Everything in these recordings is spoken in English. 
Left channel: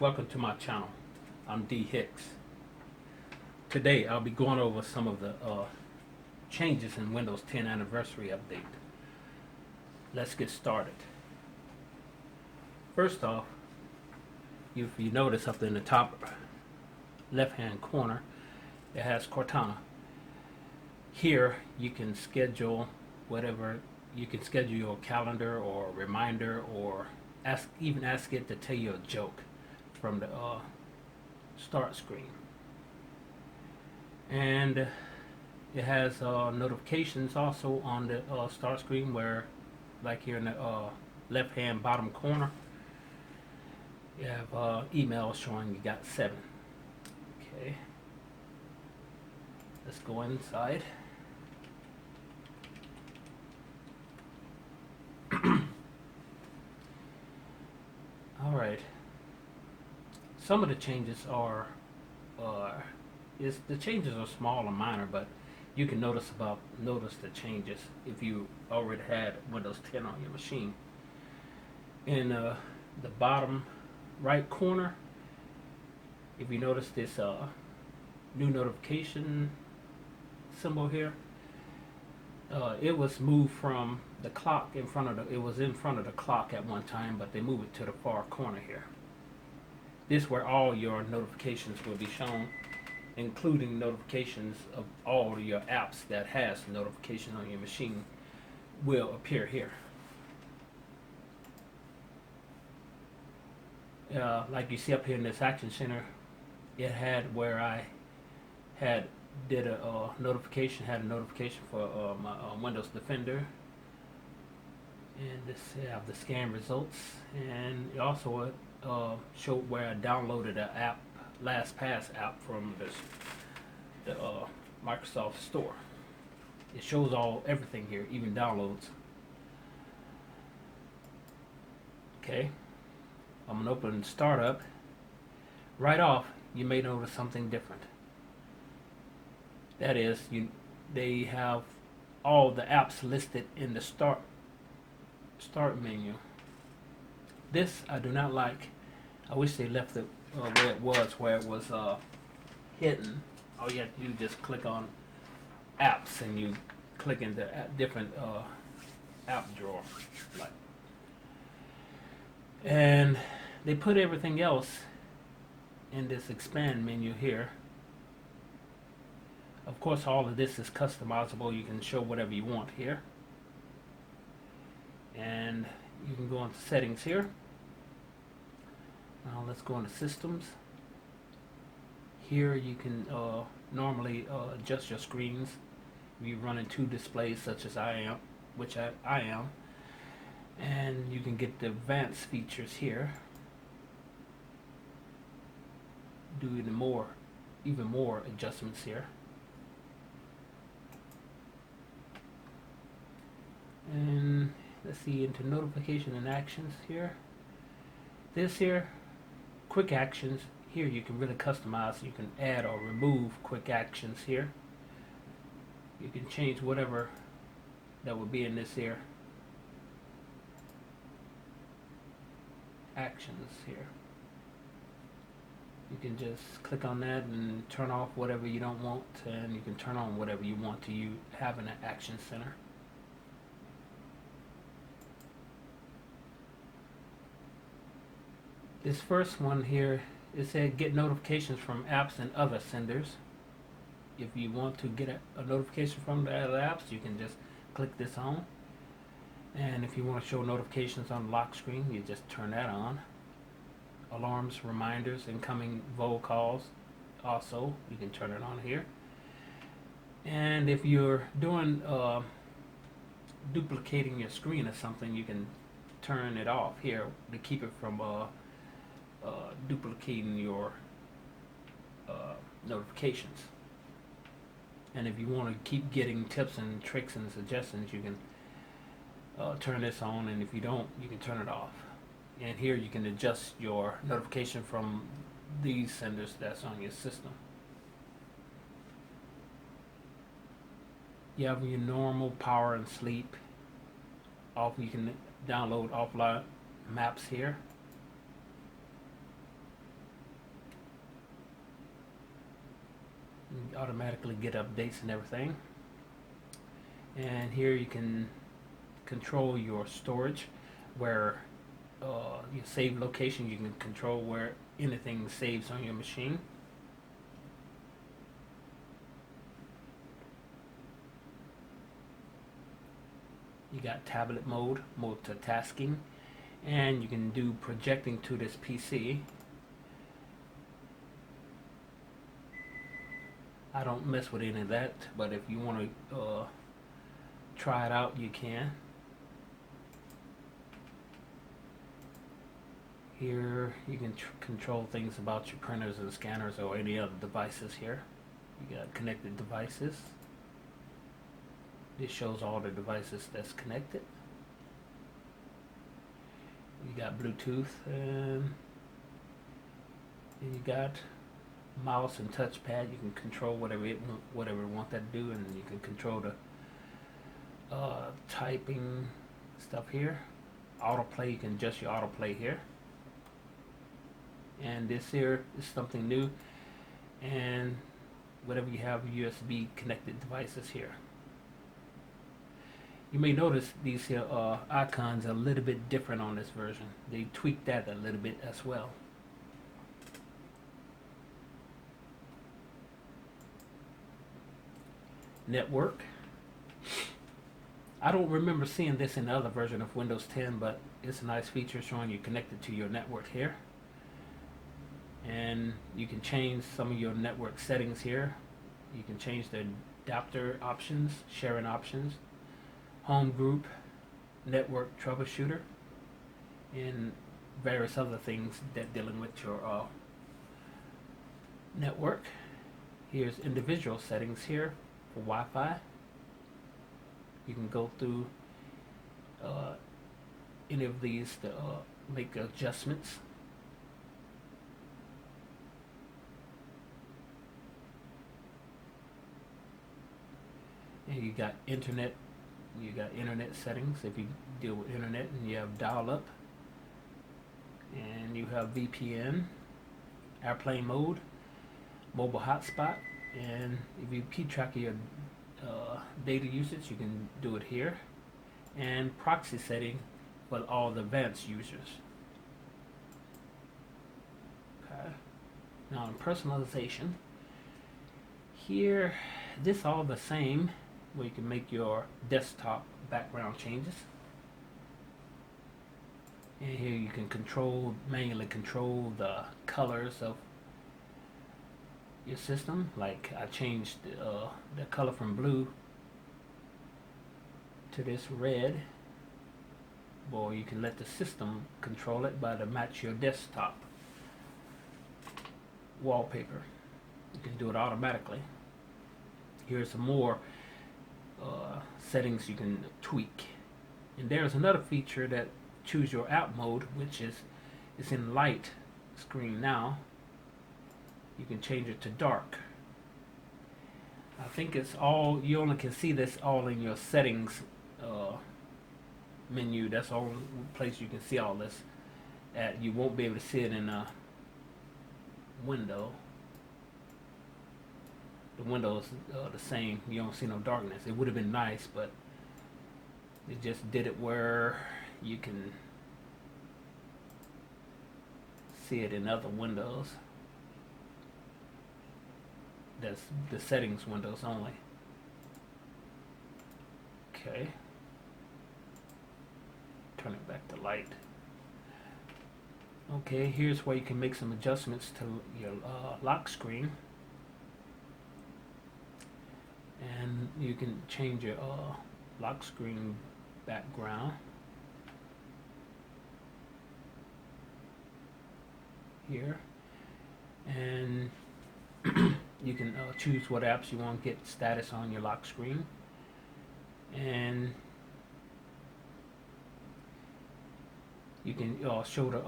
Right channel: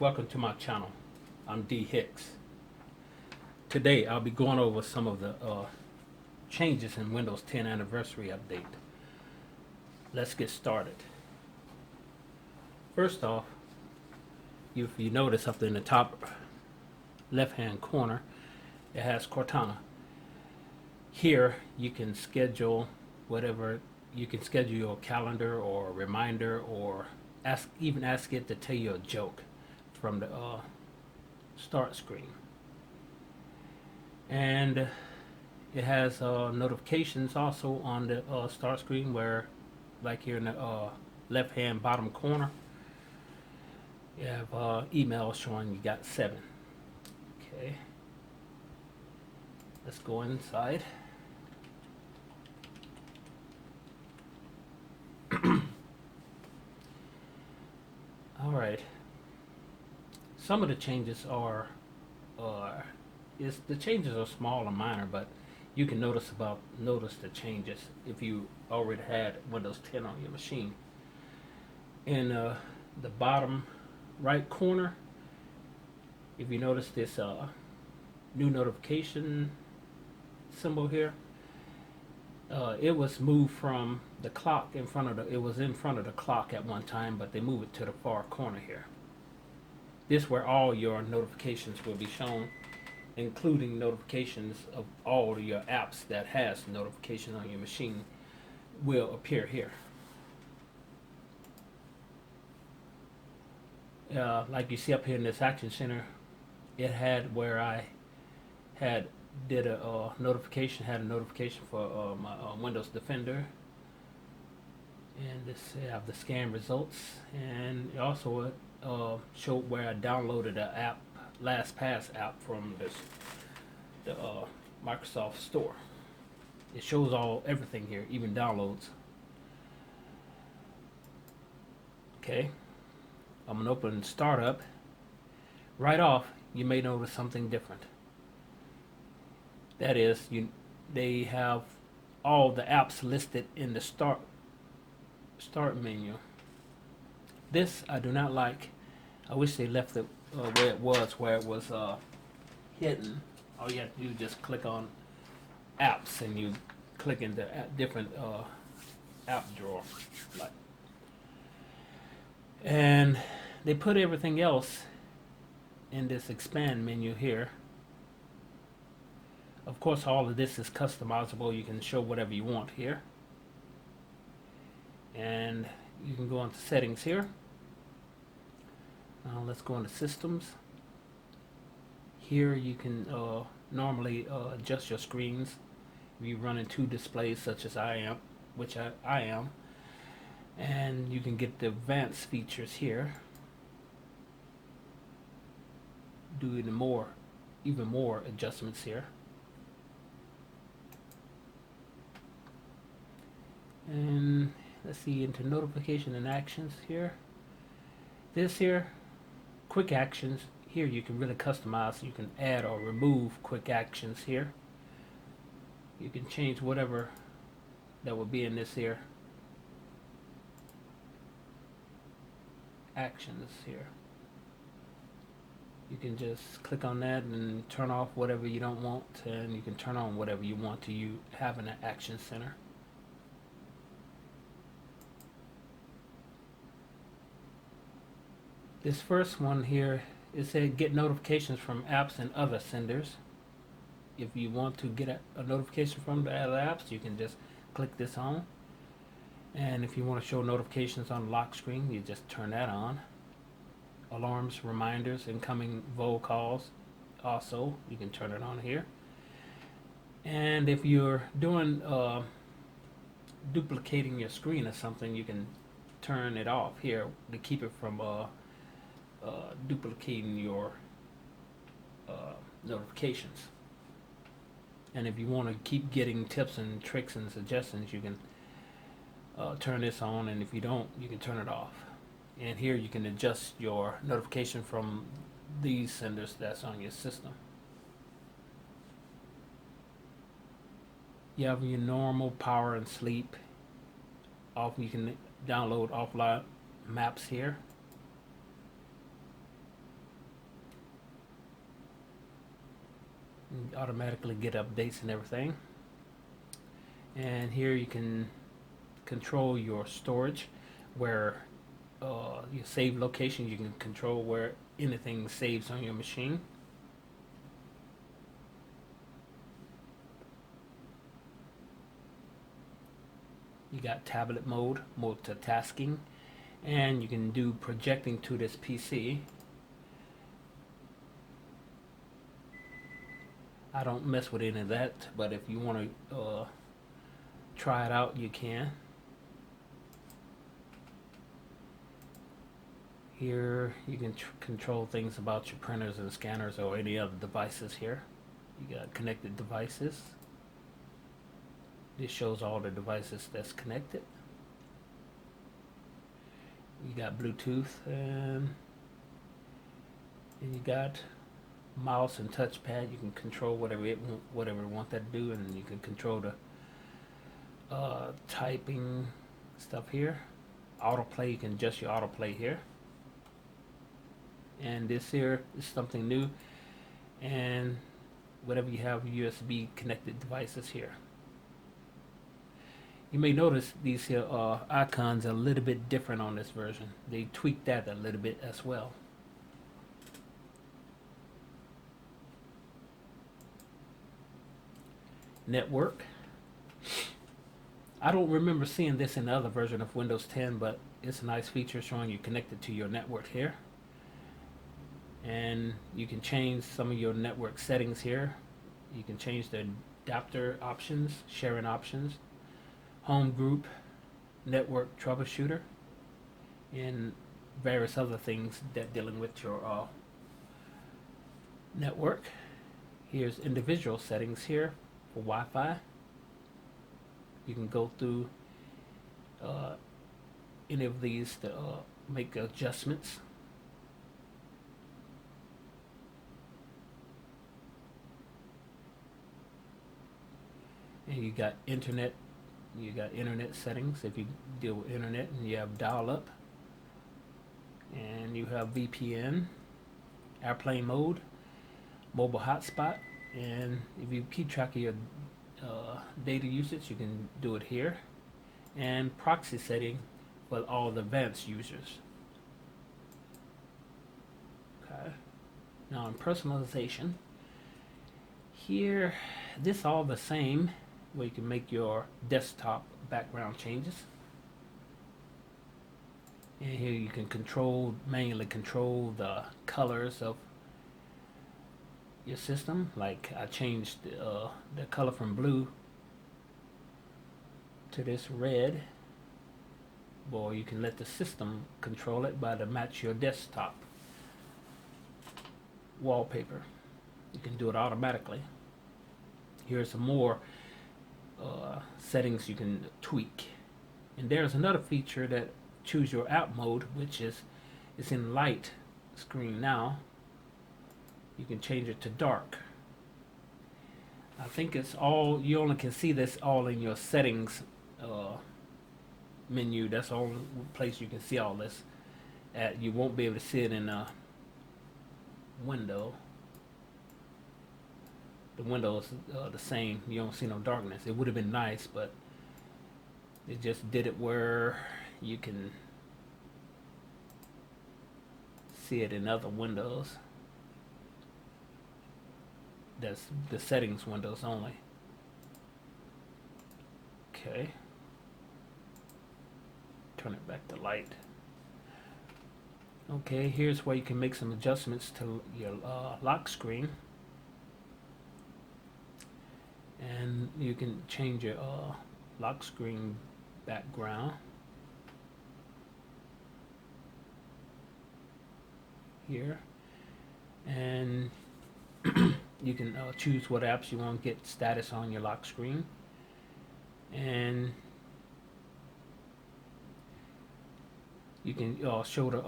Welcome to my channel. I'm D Hicks. Today I'll be going over some of the changes in Windows 10 Anniversary Update. Let's get started. First off, if you notice up in the top left hand corner, it has Cortana. Here you can schedule whatever, you can schedule your calendar or reminder, or even ask it to tell you a joke from the start screen. And it has notifications also on the start screen, where like here in the left hand bottom corner you have email showing you got 7. Okay, let's go inside. Alright, some of the changes are the changes are small and minor, but you can notice the changes if you already had Windows 10 on your machine. In the bottom right corner, if you notice this new notification symbol here, it was moved from the clock in front of it was in front of the clock at one time, but they moved it to the far corner here. This is where all your notifications will be shown, including notifications of all your apps that has notifications on your machine will appear here. Like you see up here in this Action Center, it had where I had did a notification, had a notification for my Windows Defender, and this have the scan results, and it also showed where I downloaded an app, LastPass app from the Microsoft Store. It shows everything here, even downloads. Okay, I'm gonna open Startup. Right off, you may notice something different. That is, they have all the apps listed in the start menu. This I do not like. I wish they left it where it was hidden. All you have to do is just click on apps, and you click into different app drawer. And they put everything else in this expand menu here. Of course, all of this is customizable. You can show whatever you want here. And you can go into settings here. Now let's go into systems. Here you can normally adjust your screens if you run in 2 displays, such as I am, which I am. And you can get the advanced features here. Do even more adjustments here. And let's see, into notification and actions here. This here, quick actions, here you can really customize. You can add or remove quick actions here. You can change whatever that would be in this here actions here. You can just click on that and turn off whatever you don't want, and you can turn on whatever you want to have in an action center. This first one here, it said get notifications from apps and other senders. If you want to get a notification from the other apps, you can just click this on. And if you want to show notifications on the lock screen, you just turn that on. Alarms, reminders, incoming VO calls, also you can turn it on here. And if you're doing duplicating your screen or something, you can turn it off here to keep it from duplicating your notifications. And if you want to keep getting tips and tricks and suggestions, you can turn this on, and if you don't, you can turn it off. And here you can adjust your notification from these senders that's on your system. You have your normal power and sleep. You can download offline maps here. You automatically get updates and everything. And here you can control your storage, where your save location. You can control where anything saves on your machine. You got tablet mode, multitasking, and you can do projecting to this PC. I don't mess with any of that, but if you want to try it out, you can. Here you can control things about your printers and scanners or any other devices here. You got connected devices. This shows all the devices that's connected. You got Bluetooth, and you got mouse and touchpad. You can control whatever you want that to do, and you can control the typing stuff here. Autoplay, you can adjust your autoplay here. And this here is something new, and whatever you have USB connected devices here. You may notice these here icons are a little bit different on this version. They tweaked that a little bit as well. Network. I don't remember seeing this in the other version of Windows 10, but it's a nice feature showing you connected to your network here. And you can change some of your network settings here. You can change the adapter options, sharing options, home group, network troubleshooter, and various other things that dealing with your network. Here's individual settings here for Wi-Fi. You can go through any of these to make adjustments. And you got internet settings if you deal with internet, and you have dial-up, and you have VPN, airplane mode, mobile hotspot, and if you keep track of your data usage, you can do it here, and proxy setting for all the advanced users. Okay. Now in personalization, here, this all the same, where you can make your desktop background changes. And here you can manually control the colors of your system. Like I changed the color from blue to this red. Or you can let the system control it by to match your desktop wallpaper. You can do it automatically. Here's some more settings you can tweak. And there's another feature that choose your app mode, which is in light screen now. You can change it to dark. I think it's all, you only can see this all in your settings menu. That's the only place you can see all this at. You won't be able to see it in a window. The window is the same. You don't see no darkness. It would have been nice, but it just did it where you can see it in other windows. That's the settings windows only. Okay. Turn it back to light. Okay, here's where you can make some adjustments to your lock screen. And you can change your lock screen background here, and you can choose what apps you want to get status on your lock screen, and you can show the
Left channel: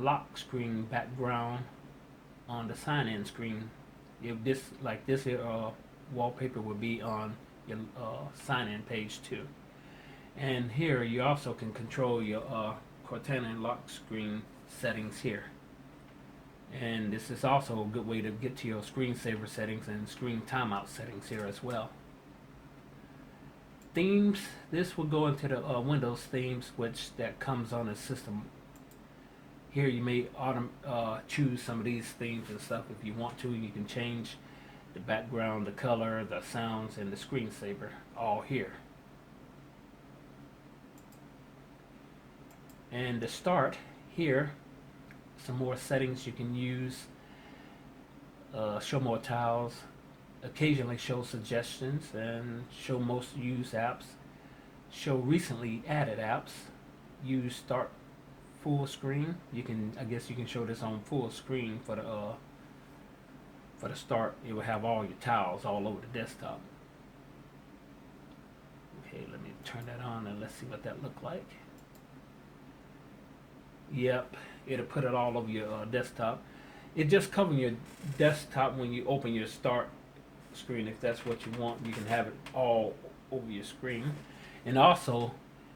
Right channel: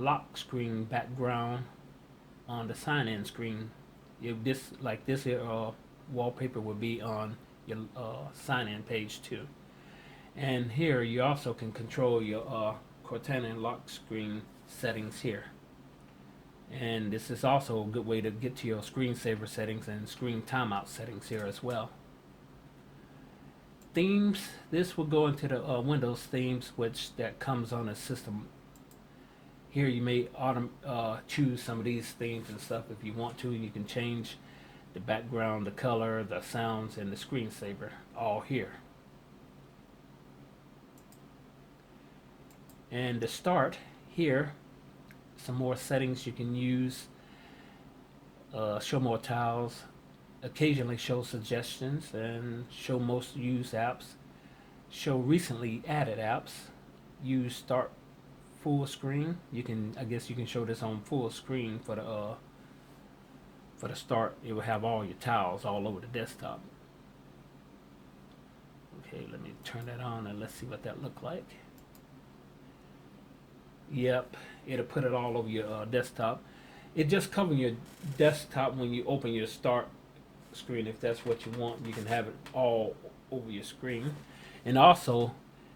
lock screen background on the sign-in screen. If this, like this here, wallpaper would be on your sign-in page too. And here you also can control your Cortana lock screen settings here. And this is also a good way to get to your screensaver settings and screen timeout settings here as well. Themes, this will go into the Windows themes, which that comes on the system. Here you may choose some of these themes and stuff if you want to. You can change the background, the color, the sounds, and the screensaver all here. And to start here, some more settings you can use. Show more tiles, occasionally show suggestions, and show most used apps. Show recently added apps. Use start full screen. You can, I guess you can show this on full screen for the start. It will have all your tiles all over the desktop. Okay, let me turn that on and let's see what that looked like. Yep, it'll put it all over your desktop. It just covers your desktop when you open your start screen. If that's what you want, you can have it all over your screen. And also,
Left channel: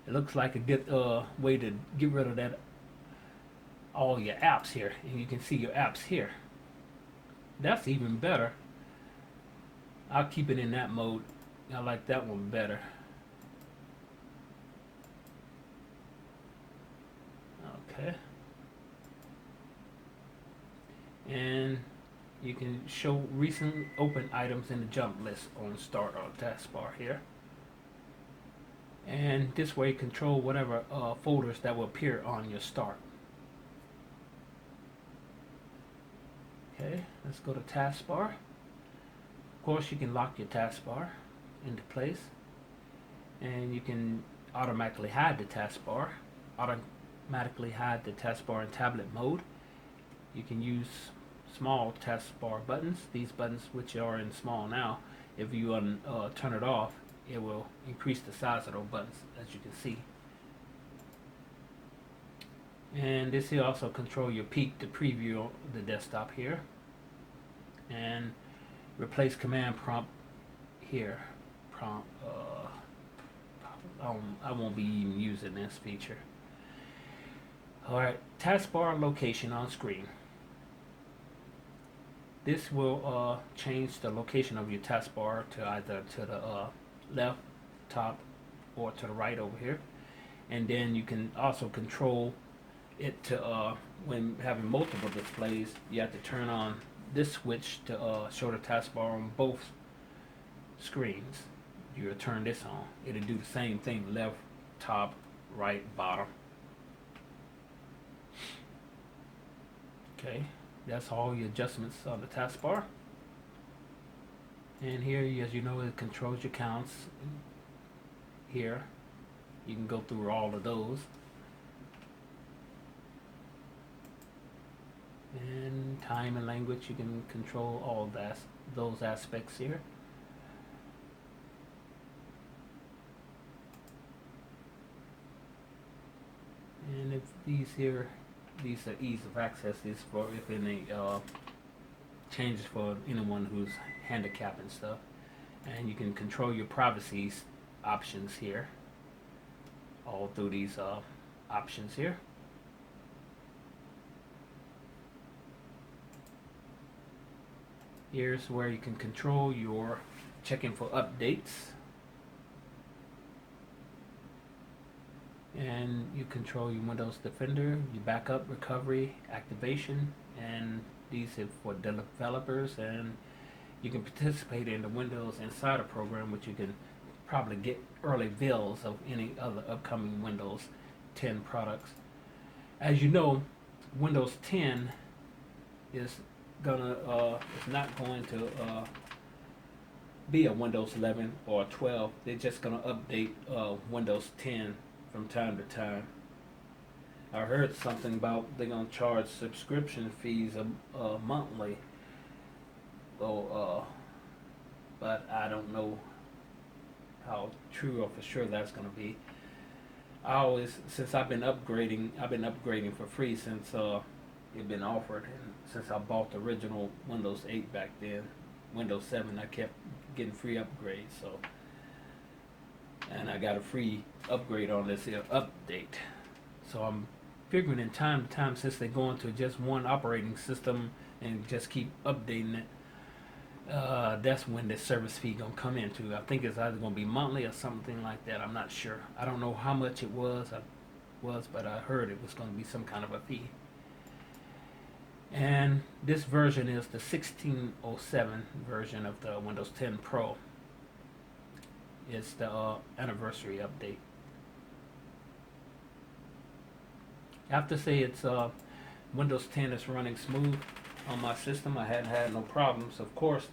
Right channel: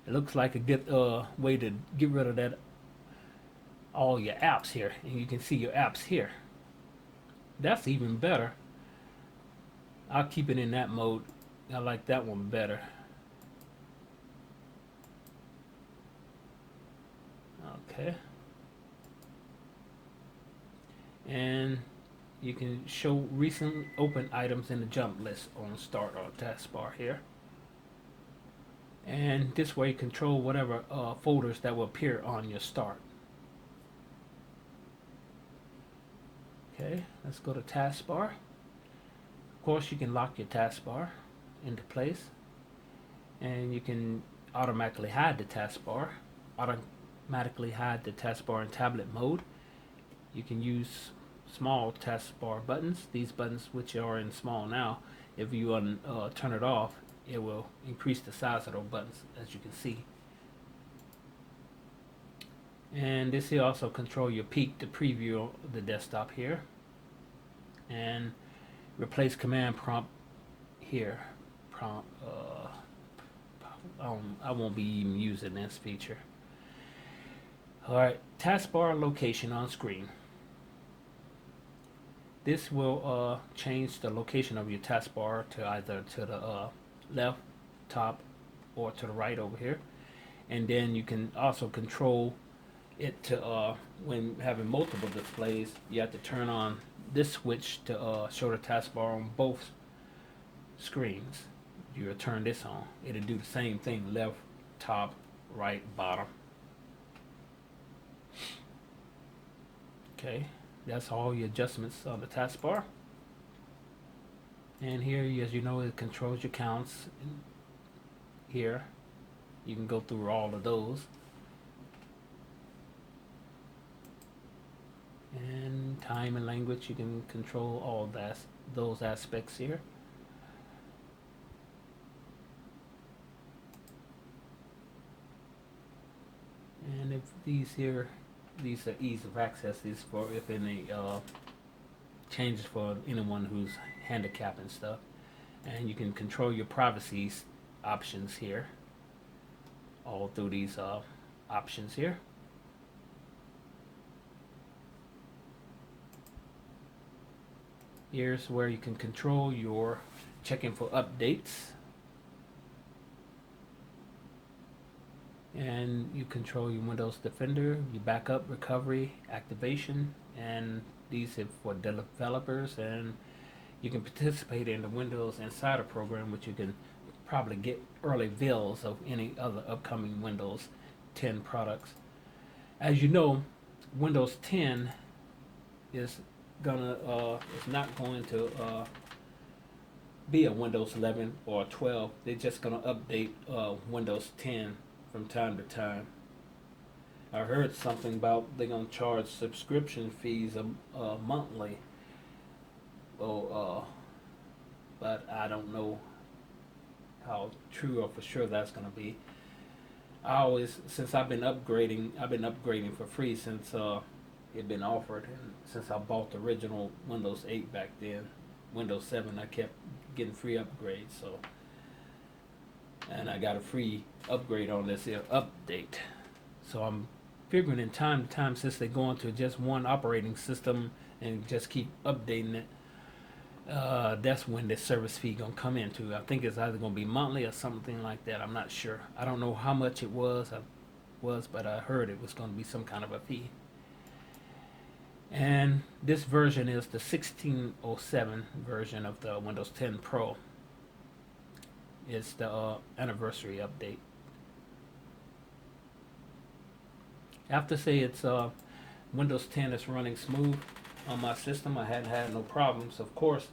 it looks like a good way to get rid of that, all your apps here. And you can see your apps here. That's even better. I'll keep it in that mode. I like that one better. Okay. And you can show recent open items in the jump list on start or taskbar here. And this way control whatever folders that will appear on your start. Okay, let's go to taskbar. Of course, you can lock your taskbar into place, and you can automatically hide the taskbar, automatically hide the taskbar in tablet mode. You can use small taskbar buttons. These buttons, which are in small now, if you turn it off, it will increase the size of those buttons, as you can see. And this here also control your peek to preview the desktop here, and replace command prompt here. I won't be even using this feature. Alright, taskbar location on screen. This will change the location of your taskbar to either to the left, top, or to the right over here. And then you can also control it to, when having multiple displays, you have to turn on this switch to show the taskbar on both screens. You will turn this on. It'll do the same thing, left, top, right, bottom. Okay, that's all your adjustments on the taskbar. And here, as you know, it controls your counts. Here, you can go through all of those. And time and language, you can control all that, those aspects here. And if these are ease of access. These for if any changes for anyone who's handicapped and stuff. And you can control your privacy options here, all through these options here. Here's where you can control your checking for updates. And you control your Windows Defender, your backup, recovery, activation, and these are for developers. And you can participate in the Windows Insider program, which you can probably get early bills of any other upcoming Windows 10 products. As you know, Windows 10 is not going to be a Windows 11 or 12. They're just going to update Windows 10 from time to time. I heard something about they're going to charge subscription fees monthly. But I don't know how true or for sure that's going to be. Since I've been upgrading for free since it been offered, and since I bought the original Windows 8 back then, Windows 7, I kept getting free upgrades. So, and I got a free upgrade on this here update. So I'm figuring in time to time, since they're going to just one operating system and just keep updating it, that's when the service fee gonna come into. I think it's either gonna be monthly or something like that. I'm not sure. I don't know how much it was. But I heard it was gonna be some kind of a fee. And this version is the 1607 version of the Windows 10 Pro. It's the anniversary update. I have to say it's Windows 10 is running smooth on my system. I hadn't had no problems. Of course,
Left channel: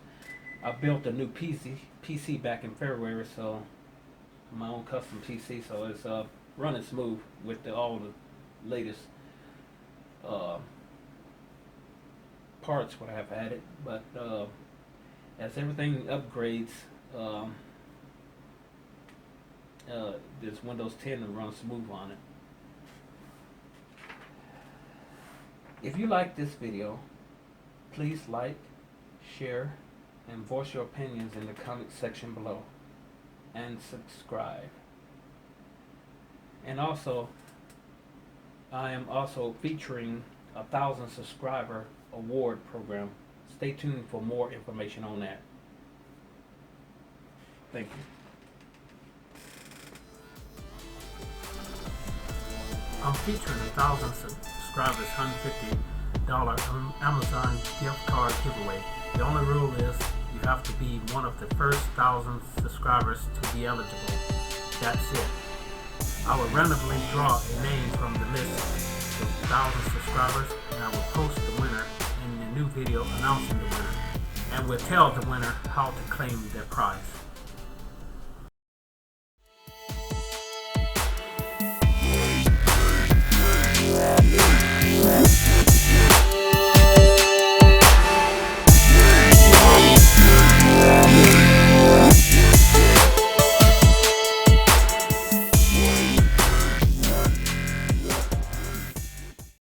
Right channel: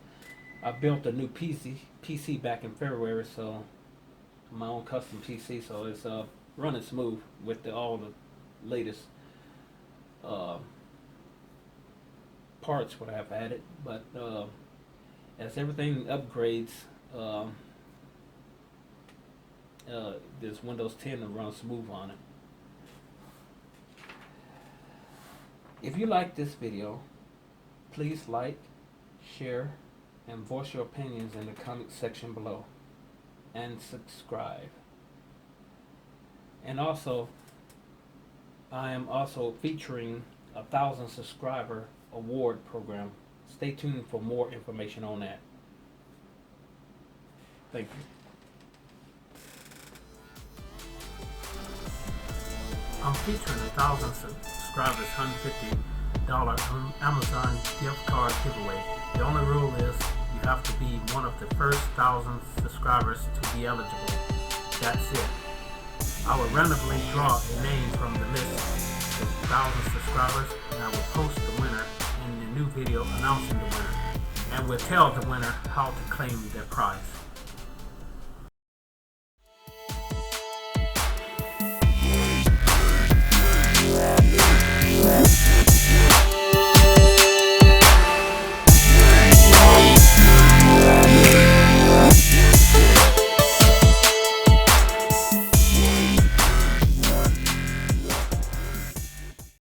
I built a new PC back in February, so my own custom PC, so it's running smooth with all the latest parts what I've added. But as everything upgrades, this Windows 10 will run smooth on it. If you like this video, please like, share, and voice your opinions in the comment section below, and subscribe. And also, I am also featuring a 1,000 subscriber award program. Stay tuned for more information on that. Thank you. I'm featuring a 1,000 subscribers $150 Amazon gift card giveaway. The only rule is you have to be one of the first 1,000 subscribers to be eligible. That's it. I will randomly draw a name from the list of 1,000 subscribers, and I will post the winner in the new video announcing the winner, and will tell the winner how to claim their prize.